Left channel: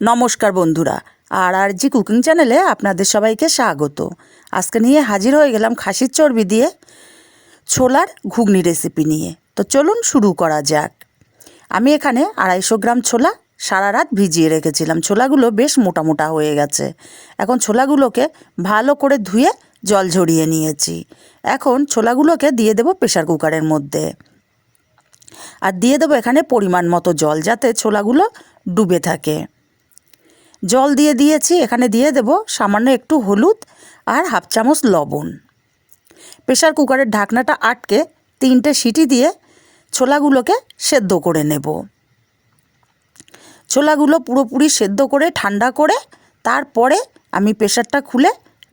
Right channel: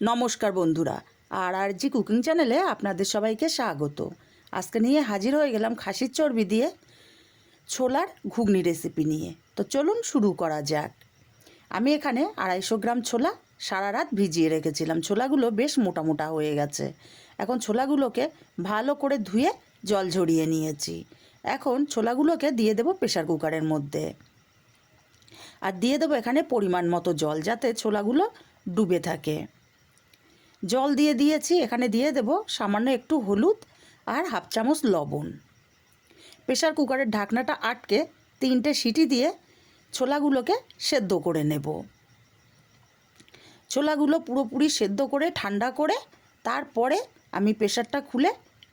নমস্কার বন্ধুরা, আর আর জি কুকিং চ্যানেলে আপনাদের সবাইকে স্বাগত। আজকে নিয়ে হাজির হয়ে গেলাম খাসির চর্বি দিয়ে ছোলার ঘুগনি রেসিপি নিয়ে। তো চলুন শুরু করা যাক। আমি এখানে আড়াইশো গ্রাম ছোলা সারা রাত ভিজিয়ে রেখেছিলাম। ছোলাগুলো বেশ মোটা মোটা হয়ে গেছে। এখন ছোলাগুলোকে ভালো করে ধুয়ে জল ঝরিয়ে নিয়েছি। এখন ছোলাগুলোকে দিয়ে দেবো প্রেশার কুকারের মধ্যে। আর দিয়ে দেবো এখানে পরিমাণ মতো জল যাতে ছোলাগুলো ডুবে থাকে। জল দিয়ে দিয়েছি, এখানে দিয়ে দেব সামান্য একটু হলুদ আর হাফ চামচ লবণ। প্রেশার কুকারের ঢাকনাটা আটকে তিনটে সিটি দিয়ে ছোলাগুলোকে সেদ্ধ করে নেব। ছোলাগুলো পুরোপুরি সেদ্ধ করে, ঠান্ডা করে তারপরে আমি প্রেশারটা খুলে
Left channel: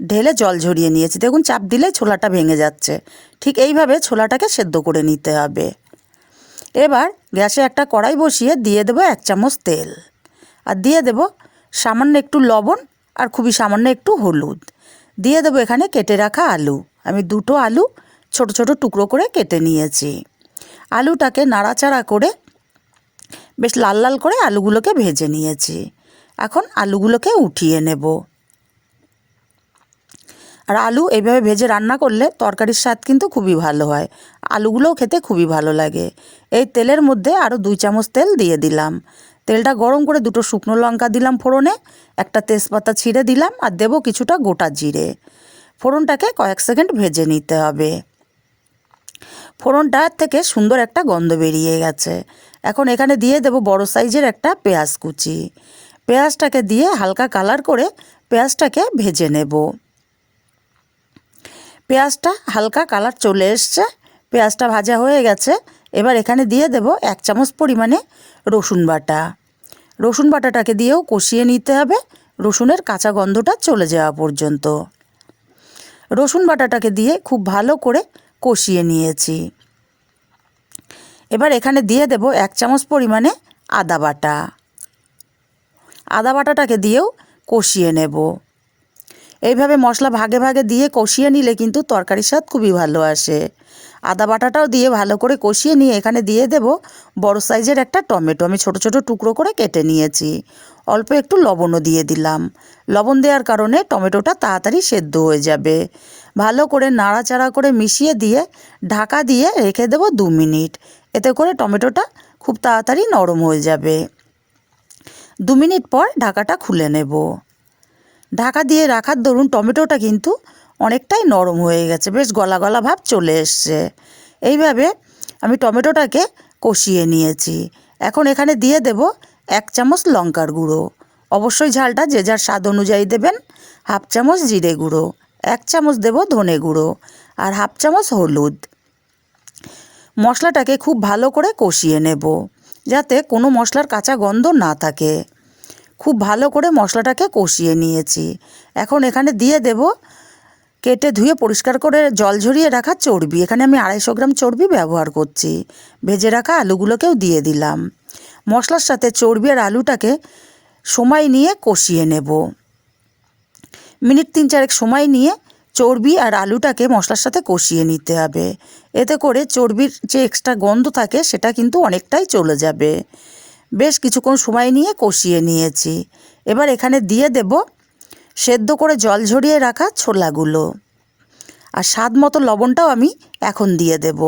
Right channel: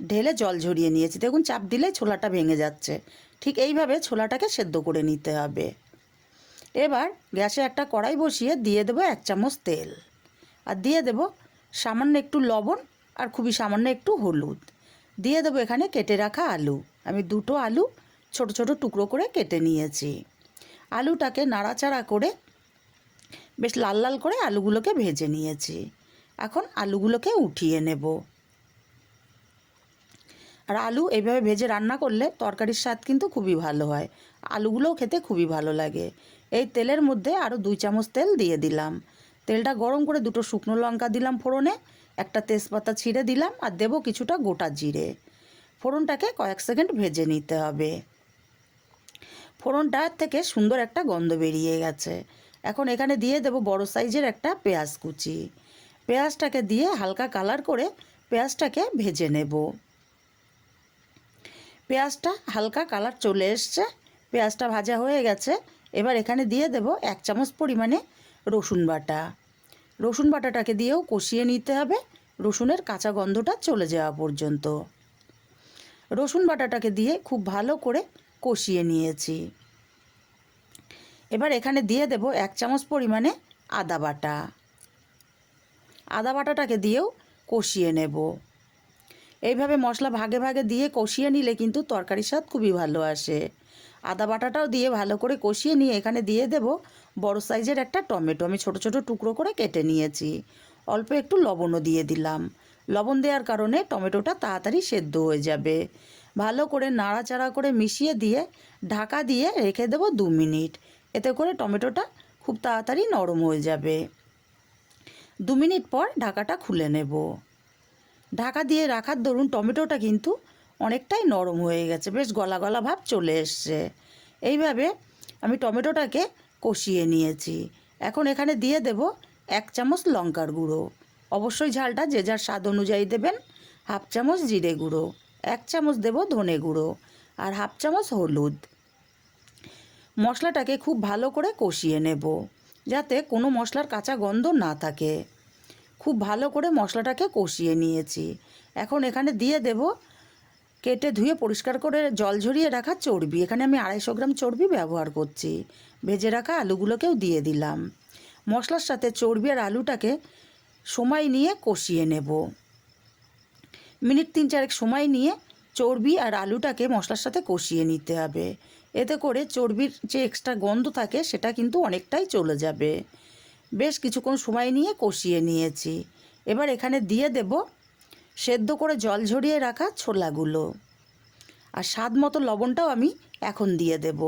ঢেলে জল ঝরিয়ে নিয়েছি। দেখুন, চাপ দিলে ছোলাটা ভেঙে যাচ্ছে। ঠিক এইভাবে ছোলাটাকে সেদ্ধ করে নিতে হবে। এবার গ্যাসে একটা কড়াই বসিয়ে দিয়ে দেবো এক চামচ তেল। আর দিয়ে দেব সামান্য একটু লবণ আর খুবই সামান্য একটু হলুদ। দিয়ে দেবো এখানে কেটে রাখা আলু। আমি দুটো আলু ছোট ছোট টুকরো করে কেটে নিয়েছি। আলুটাকে নাড়াচাড়া করে বেশ লাল লাল করে আলুগুলোকে ভেজে নিয়েছি। এখন আলুগুলোকে উঠিয়ে নেব। আর আলু এইভাবে ভেজে রান্না করলে তরকারির স্বাদ কিন্তু খুবই ভালো হয়। আলুগুলোও খেতে খুবই ভালো লাগে। এই তেলের মধ্যে আরও দুই চামচ তেল দিয়ে দিলাম। তেলটা গরম করে দুটো শুকনো লঙ্কা দিলাম ফোড়নে, একটা তেজপাতা ছিঁড়ে দিলাম আর দেবো কিছুটা গোটা জিরে। ফোড়নটাকে কয়েক সেকেন্ড ভেজে নিতে হবে। ফোড়নটা থেকে সুন্দর একটা গন্ধ বেরিয়ে গেছে। এখন এখানে দিয়ে দেবো বড় সাইজের একটা পেঁয়াজ কুচি। পেঁয়াজটাকে দিয়ে হালকা কালার করে পেঁয়াজটাকে ভেজে নেব। পেঁয়াজটা হালকা কালার চলে এসছে, পেঁয়াজটা ভাজা হয়ে গেছে। এবার এখানে দিয়ে দেব এক চামচ পরিমাণে রসুন বাটা। রসুন বাটাটাকে দিয়েও কষিয়ে নিতে হবে। রসুনের কাঁচা গন্ধটা চলে যাওয়া পর্যন্ত। রসুন বাটাটাকে দিয়ে খুব ভালো করে কষিয়ে নিয়েছি। এবার এখানে দিয়ে দেব এক চামচ পরিমাণে আদা বাটা। আদা বাটাটাকে দিয়েও কষিয়ে নেব। এইভাবে মশলা ভাগে ভাগে দিয়ে কষিয়ে নিলে কিন্তু তরকারির স্বাদ খুবই ভালো আসে। আদা বাটাটাও দিয়ে ভালো করে কষিয়ে নিয়ে এখানে দিয়ে দেব বড় সাইজের একটা টমেটো। আমি ছোট ছোট টুকরো করে কেটে নিয়েছি। অল্প একটু লবণও দিয়ে দিলাম। লবণ দেওয়ার কারণে টমেটোটা তাড়াতাড়ি সেদ্ধ হয়ে যাবে। ভালো করে নাড়াচাড়া করে মিশিয়ে দিয়ে ঢাকা দিয়ে রেখে দেবো দু মিনিট। এতে করে টমেটোটা খুব তাড়াতাড়ি নরম হয়ে যাবে। দু মিনিট পর ঢাকাটা খুলে নেব। ঢাকা দিয়ে রাখার দরুন টমেটোটা কিন্তু অনেকটাই নরম হয়ে গেছে। বেশ গলা গলা ভাব চলে এসছে। এইভাবে আমি টমেটোটাকে কষিয়ে নিয়েছি। এখন এখানে দিয়ে দেব এক চামচ লঙ্কার গুঁড়ো। অবশ্যই ঝালটা যে যার স্বাদ অনুযায়ী দেবেন। হাফ চামচ জিরে গুঁড়ো, এক চামচ দেব ধনে গুঁড়ো আর হাফ চামচ হলুদ। মশলাটাকে খুব ভালো করে কষিয়ে নেব যাতে কোনো মশলার কাঁচা গন্ধ না থাকে। খুব ভালো করে মশলাটাকে কষিয়ে নিয়েছি। এখন এখানে দিয়ে দেব কেটে ধুয়ে পরিষ্কার করে জল ঝরিয়ে রাখা চর্বি। এখানে আমি আড়াইশো গ্রাম চর্বি ব্যবহার করছি। ভেজে রাখা আলুগুলোকেও দিয়ে দিলাম। মশলার সাথে চর্বি আর আলুটাকে সময় নিয়ে কষিয়ে নেব। মিনিট তিন চারেক সময় নিয়ে চর্বি আর আলুটাকে মশলার সাথে কষিয়ে নিতে হবে। এতে করে চর্বির যে এক্সট্রা গন্ধ থাকে সেটা কিন্তু অনেকটাই চলে যাবে। বেশ কিছুক্ষণ সময় নিয়ে কষিয়ে নিয়েছি। এবার এখানে দিয়ে দেব সেদ্ধ করে জল ঝরিয়ে রাখা ছোলাগুলো। আর স্বাদ মতো লবণটাও আমি এখন দিয়ে দেব।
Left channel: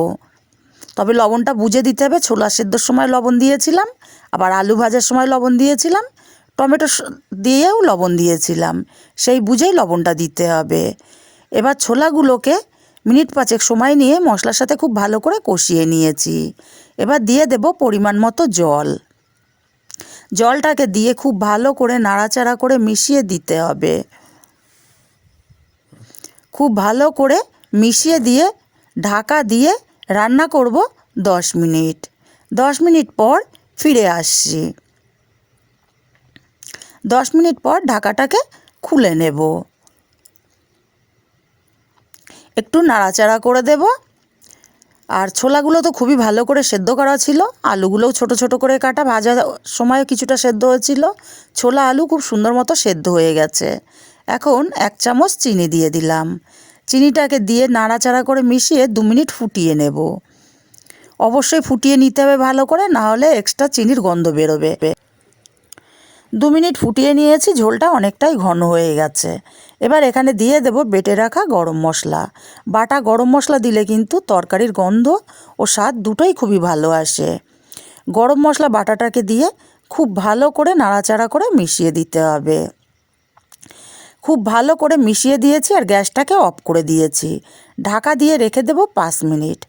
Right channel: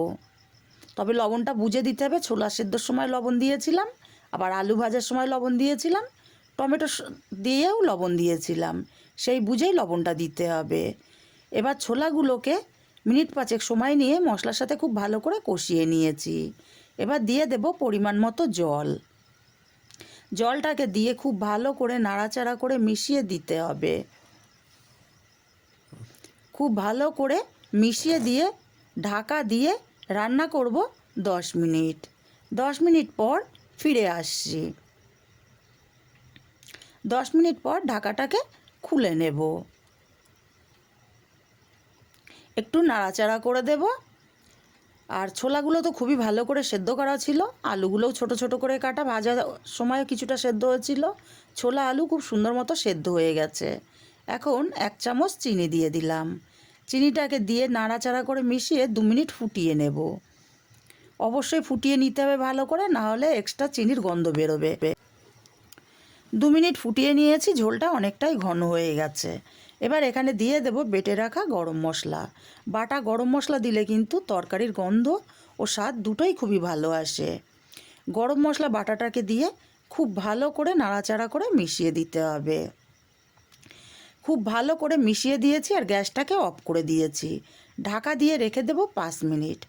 তবে লবণটা বুঝে দিতে হবে, ছোলা সেদ্ধর সময় লবণ দিয়েছিলাম, আবার আলু ভাজার সময় লবণ দিয়েছিলাম, টমেটো দিয়েও লবণ দিয়েছিলাম, সেই বুঝেই লবণটা দিতে হবে। এবার ছোলাগুলোকে মিনিট পাঁচেক সময় নিয়ে মশলার সাথে খুব ভালো করে কষিয়ে নিয়েছি। এবার দিয়ে দেব পরিমাণ মতো জল। জলটাকে দিয়ে খুব ভালো করে নাড়াচাড়া করে মিশিয়ে দিতে হবে। খুব ভালো করে মিশিয়ে দিয়ে, ঢাকা দিয়ে রান্না করব দশ মিনিট। দশ মিনিট পর ফিরে আসছি। দশ মিনিট পর ঢাকাটাকে খুলে নেব। একটু নাড়াচাড়া করে দেব। আর ছোলাগুলো তো খুবই ভালো করে সেদ্ধ করা ছিল। আলুগুলোও ছোট ছোট করে কাটা, ভাজা সময় কিছুটা সেদ্ধ হয়েছিল। ছোলা আলু খুব সুন্দর মতো সেদ্ধ হয়ে গেছে। এখন এক চামচ চিনি দিয়ে দিলাম। চিনিটাকে দিয়ে নাড়াচাড়া করে মিশিয়ে দু মিনিট ফুটিয়ে নেব। অবশ্যই ফুটিয়ে নিতে হবে ভালো করে, না হলে এক্সট্রা চিনির গন্ধ বেরোবে। দু মিনিট ফুটিয়ে নিয়েছি, ঝোলটা অনেকটাই ঘন হয়ে গেছে। এবার এখানে দিয়ে দেব বেটে রাখা গরম মশলা। বাটা গরম মশলা দিলে কিন্তু তরকারির গন্ধ ও স্বাদ দুটোই খুবই ভালো আসে। গরম মশলা বাটাটাকে দিয়ে খুব ভালো করে নাড়াচাড়া করে মিশিয়ে দিতে হবে। খুব ভালো করে মিশিয়ে দিয়েছি আর গ্যাসটাকে অফ করে দিয়েছি। ঢাকা দিয়ে রেখে দেবো পাঁচ মিনিট।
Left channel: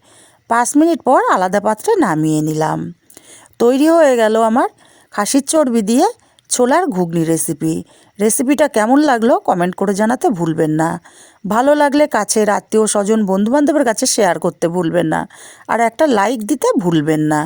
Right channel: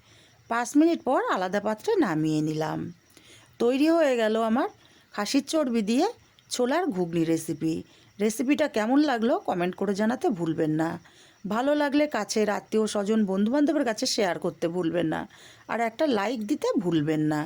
পাঁচ মিনিট পর আলাদা পাত্রে নামিয়ে নিলাম। তৈরি হয়ে গেল আমার খাসির চর্বি দিয়ে ছোলার ঘুগনি রেসিপি রেসিপিটা কেমন লাগল কমেন্ট করে জানাতে ভুলবেন না। ভালো লাগলে কাছের আত্মীয় স্বজন বন্ধুবান্ধবের কাছে শেয়ার করতে ভুলবেন না। আর একটা লাইক দিতে ভুলবেন না।